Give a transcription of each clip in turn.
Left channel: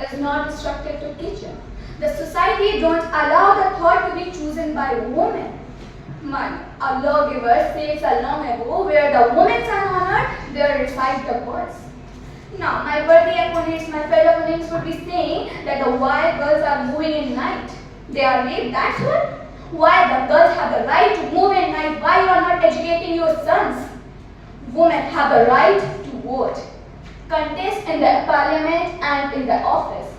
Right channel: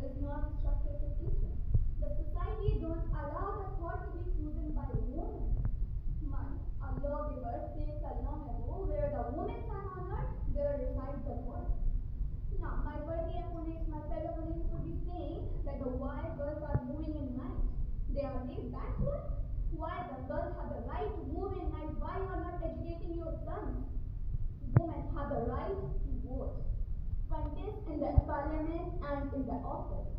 is not restricted to teacher. The society don't allow the thought to be chosen by women. Man, a lawgiver says a long ago, where the women are honored, there recite the words. Now, my worthy opponents, my fellow opponents would be saying that the why girls are moving in night. They are late, that's what? Why the girls have the right to move in night? Why you are not educating your sons? Women have the right to vote, contest in the parliament and in the office,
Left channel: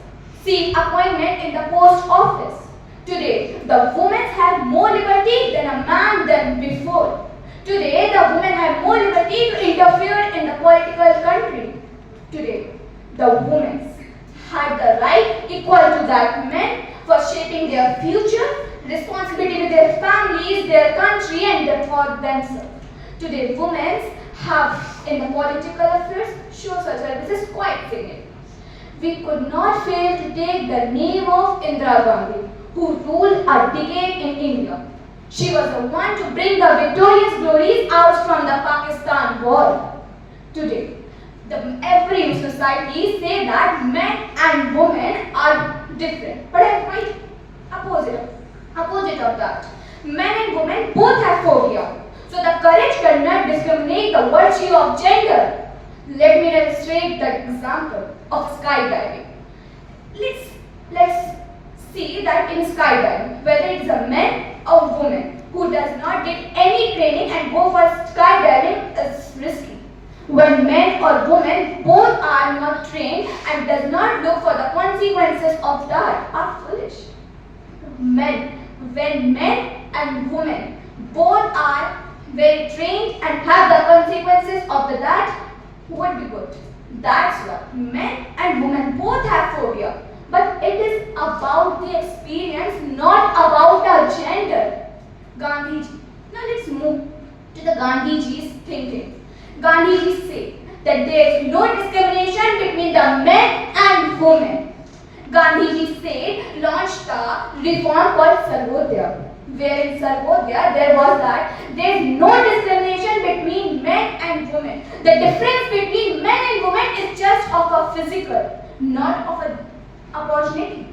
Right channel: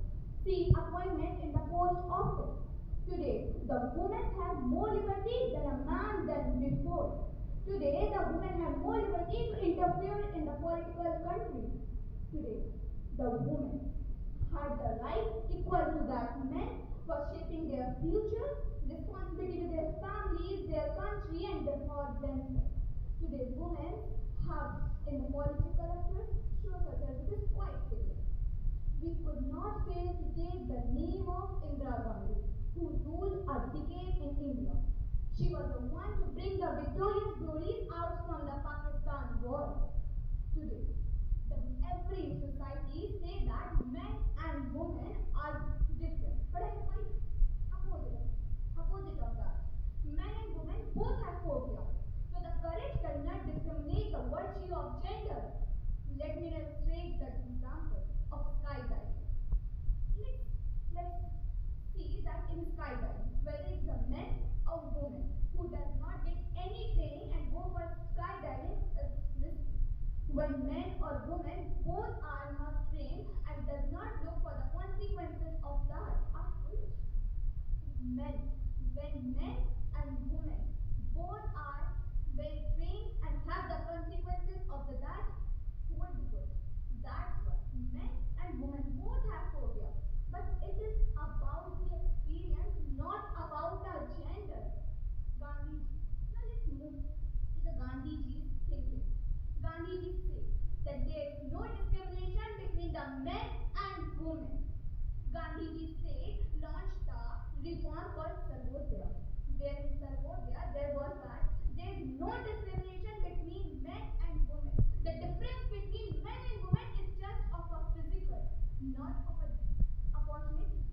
seek appointment in the post office. Today, the women have more liberty than a man than before. Today, the women have more liberty to interfere in the political country. Today, the women had the right equal to that men for shaping their future, responsibility to their families, their country, and for themselves. Today, women have in the political affairs social services quite significant. We could not fail to take the name of Indira Gandhi, who ruled a decade in India. She was the one to bring the victorious glories out from the Pakistan war. Today, every society say that men and women are different, but I'm quite opposite of that. Men and women both have phobia. So the courage cannot discriminate the virtue of gender. Let me illustrate the example of skydiving. Let's see that in skydiving, whether it's a man or woman who does not get any training and go for skydiving is risky. When men or women both are not trained and does not look for the consequences of that are foolish. When men and women both are well trained and have the consequences of that would be good. That's what men and women both have phobia. But it is about the experience, not about our gender. Gandhiji. Now let's move to the Gandhiji's thinking. Gandhiji said that there is no discrimination between the men and women. Gandhiji said launched a reform called Sarvodaya, where in Sarvodaya there was that there is no discrimination between men and women. The difference between men and women is just of a physical, not of an opportunity.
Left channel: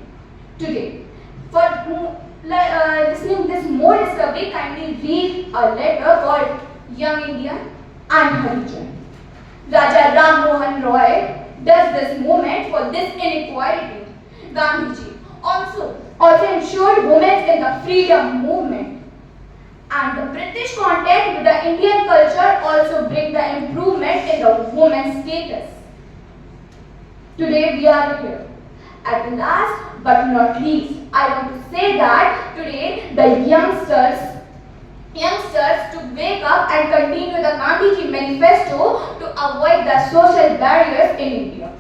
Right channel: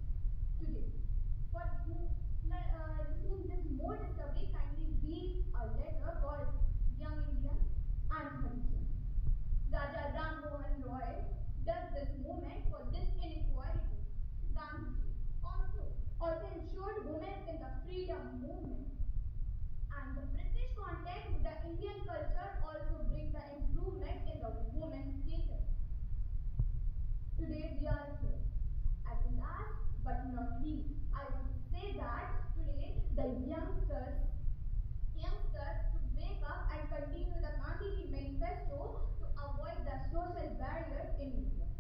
Today, for listening this more discovery, kindly read a letter called Young India and Harijan. Raja Ram Mohan Roy does this movement for this inequality. Gandhiji also ensured women in the freedom movement. And the British contact with the Indian culture also bring the improvement in the women's status. Today we are here. At last but not least, I want to say that today the youngsters to wake up and continue the Gandhiji manifesto to avoid the social barriers in India.